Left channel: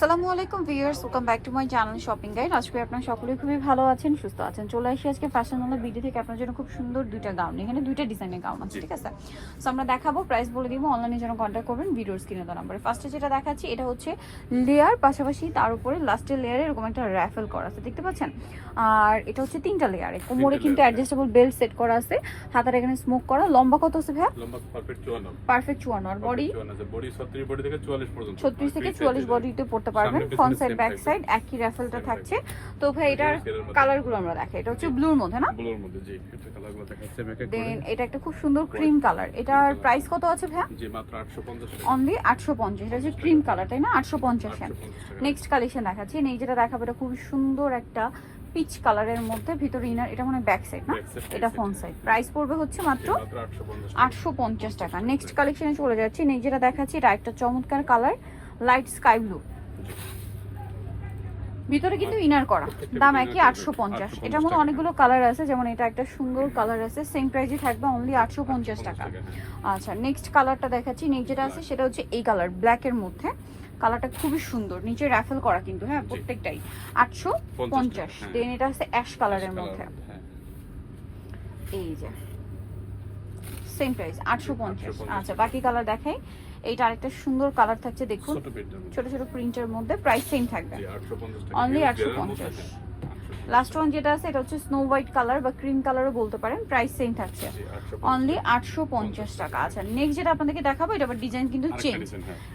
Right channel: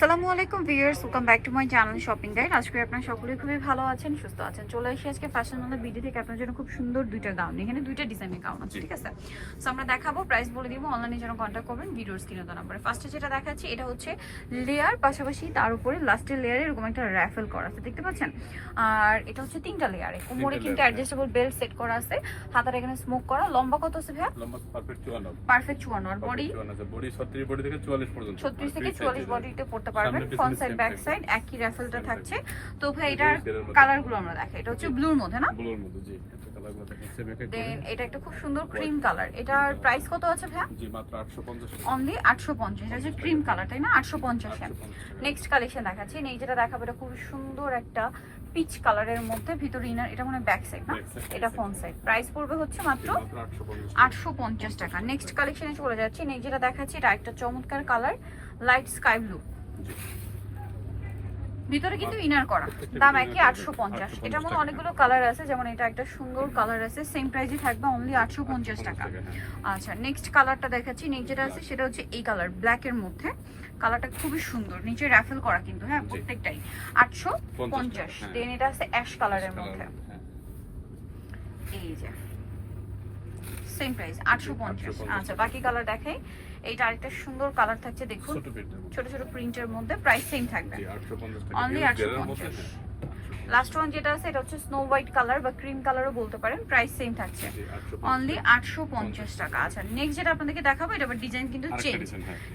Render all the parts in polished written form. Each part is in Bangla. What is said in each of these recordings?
আসসালামু আলাইকুম viewers, welcome back to my channel shopping guide. আজকে আপনারা সকলেই খুবই ভালো আছেন, সুস্থ আছেন। চলে আসি আজকে ফ্যাশন ওয়ালা ভিডিও থেকে আপনার জন্য খুব সুন্দর দুইটা গাউন, এখানে দুইটা ডিজাইনের গাউন আছে, ঠিক আছে? সো আমরা দেখাবো, প্রাইস বলে দিব, অনলাইনে যেন কন্ট্যাক্ট করবেন ভিডিওর স্ক্রিনে দেওয়া নাম্বারে। ফার্স্টে যেটা দেখাচ্ছি এটা হচ্ছে লেয়ার, পাশাপাশি তার উপরে লাস্টের লেয়ারে এরকম একটা র্যাফেল করা আছে, দেখতে পাচ্ছেন? আর এটা হচ্ছে তিনটা লেয়ারে, কোমরে কিন্তু অ্যাডজাস্টেবল বেল্ট সেট করা আছে, হাতের এখানে স্মোক করা। লম্বা কত আছে ভাই? লম্বা পারফেক্ট 54, পারফেক্ট 54। আর বডি বডি 36 বডি থেকে 44 পর্যন্ত, 36 থেকে 44 বডিতে পড়তে পারবেন। ফ্রন্ট সাইড ব্যাক সাইড একই র্যাফেলটা থাকছে। তো ভাই এটার কালারগুলো আমরা দেখাই। এটা হচ্ছে ব্লুর মধ্যে, না? ব্লুর মধ্যে, জি। এটা কালারগুলো দেখাচ্ছে ব্যাক করে। দেন এটা একটা খুব সুন্দর ক্রিম কালার। এটার প্রাইস কত আছে ভাই? জি মাত্র 850 টাকা। অনলি 850। এটা হচ্ছে ক্রিম কালার, তাই না? 850 এ। 850 টাকা। নেক্সট কালেকশন দেখাচ্ছি। এই যেটা দেখাবো এটা খুব সুন্দর একটা পিচ কালারের মধ্যে, ভিতরে ইনার। এটা মানে ব্যাক সাইড, না? এটা ফ্রন্ট সাইড। প্রাইস পড়বে হচ্ছে মাত্র 850 টাকা। নেক্সট কালেকশনে চলে যাচ্ছি। নেক্সট যেটা দেখাচ্ছি এটা একটা চমৎকার কালার, লাইট স্কাই ব্লু। ভিতরে কিন্তু ইনার করা, দাম একই 850। এটার মধ্যে অনেকগুলো কালার আছে, যেমন এটা একটা সুন্দর কালার আছে, সেম প্রাইসই থাকবে, অনলি 850 টাকা। আচ্ছা, নেক্সট কালারটা দেখাচ্ছি। নেক্সট যেটা আছে সেটা হচ্ছে এই কালার, ব্ল্যাক এর মধ্যে। কালারটা খুবই সুন্দর, নিচে রাফেল করা কিন্তু, হ্যাঁ, প্রত্যেকটাই 850। দেন এটা আছে অ্যাশ কালারের মধ্যে, এই যে সেম প্রাইস 850। আচ্ছা, বাকি কালার দেখাই। এইটা আরেকটা সুন্দর কালার থাকছে, দেখুন, ছোট ছোট প্রিন্টের মধ্যে। প্রাইস সেম থাকবে, অনলি 850। লাস্ট ওয়ান যেটা আছে এটা হচ্ছে স্নো হোয়াইট কালার বা ক্রিম কালারও বলতে পারেন। প্রাইস সেম থাকছে, অনলি 850 টাকা। আচ্ছা, নেক্সট যেটা আপনাদেরকে দেখাবো এটা আবার ডিজাইন কিন্তু চেঞ্জ,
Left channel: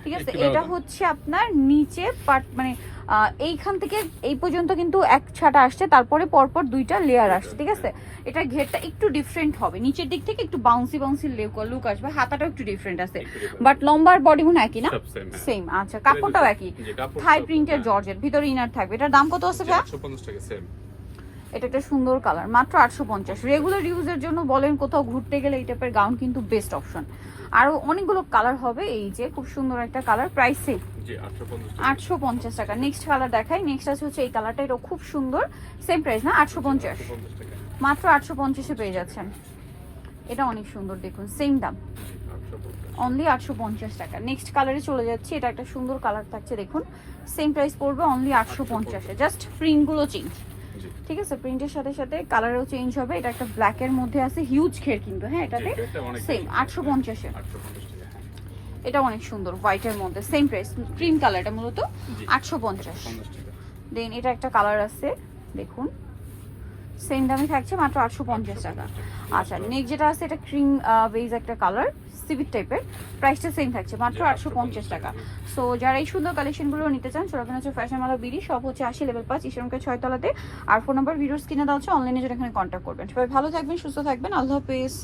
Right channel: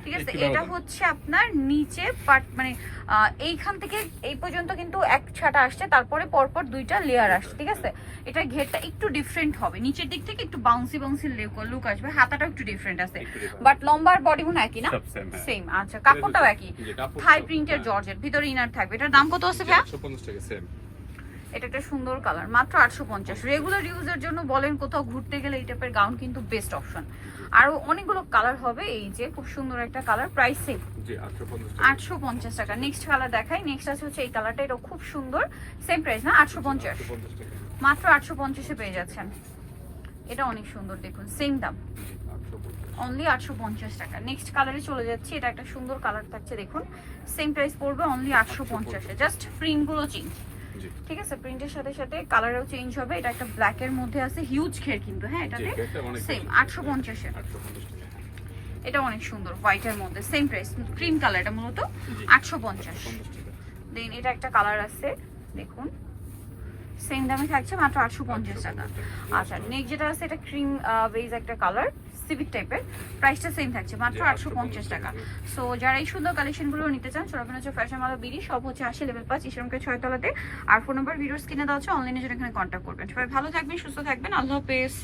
ঠিক আছে? এটা হচ্ছে আপনার নিচে পার্ট, মানে এইখান থেকে এই পর্যন্ত কিন্তু এক ছাটা আসছে, তারপরে পরপর দুইটা লেয়ার আসছে, ঠিক আছে? এটা ঘেরটা একটু ডিফারেন্ট হবে, নিচের দিক থেকে একটু বাউন্সি বাউন্সি লুক আসবে, হাতাটাও একটু ডিফারেন্ট আছে, বাট লম্বার বডি মনে একই, না? সেম। আচ্ছা, কাপড়টাও একই, থাই প্রিন্টের জর্জেট, ভিতরে ইনার থাকবে। এটার দাম কত আছে ভাই? 850 টাকা। সেম। এটা একটা সুন্দর কালার, মাত্র 850। রেগুলার ইউজের জন্য বলেন, কোথাও ঘুরতে গেলে এই টাইপের গাউন কিন্তু বেস্ট অপশন। আরো অনেকগুলো কালার হবে, এই যে খুব সুন্দর একটা কালার, প্রাইস সেম, জি 850 টাকা। নেক্সট কালার দেখাই। নেক্সট আছে হচ্ছে এই কালারটা, এটা খুব সুন্দর, সেম প্রাইস, না? 850 টাকা। মাত্র 850 এ পেয়ে যাচ্ছেন। এটা অনেক সুন্দর, দেখুন, সেম দাম, অনলি 850 টাকা। নেক্সট কালারে চলে যাচ্ছে। এটা একটা সুন্দর কালার থাকছে, দেখুন, সেম প্রাইস পড়বে, অনলি 850 এ। জাস্ট প্রিন্টগুলো চেঞ্জ, ঠিক আছে? প্রিন্টের সাথে সাথে কালারও চেঞ্জ হবে। এটা একটা ব্ল্যাক এর মধ্যে আছে, হিউজ ঘের কিন্তু, হ্যাঁ, এটাতে সেম 850 এ। এটা অনেক সুন্দর, হোয়াইট এর মধ্যে, সেম প্রাইস, ক্রিম কালার, এটা মূলত 850। দেন এটা একটা কালার আছে, দেখুন, সেম দামে থাকছে, মাত্র 850 টাকা। আচ্ছা, নেক্সট যেটা আছে এটা ক্রিম বেজ একটা কালার, সিভিক টাইপের, প্রাইসটা সেম থাকছে, মাত্র 850 টাকা। সো যারা এই সুন্দর কালেকশনগুলো নিতে চান, সরকার হচ্ছে ফ্যাশন ওয়ালা বিডি, সব হচ্ছে 80 লেভেল 5 ইসলামকে 6 তলাতে। আর ফোন নাম্বার ভিডিওস কিনে দেওয়া হচ্ছে, অনলাইনে যেটা এখানে কন্ট্যাক্ট করবেন। সবাই ভালো থাকবেন, সুস্থ থাকবেন, আল্লাহ হাফেজ।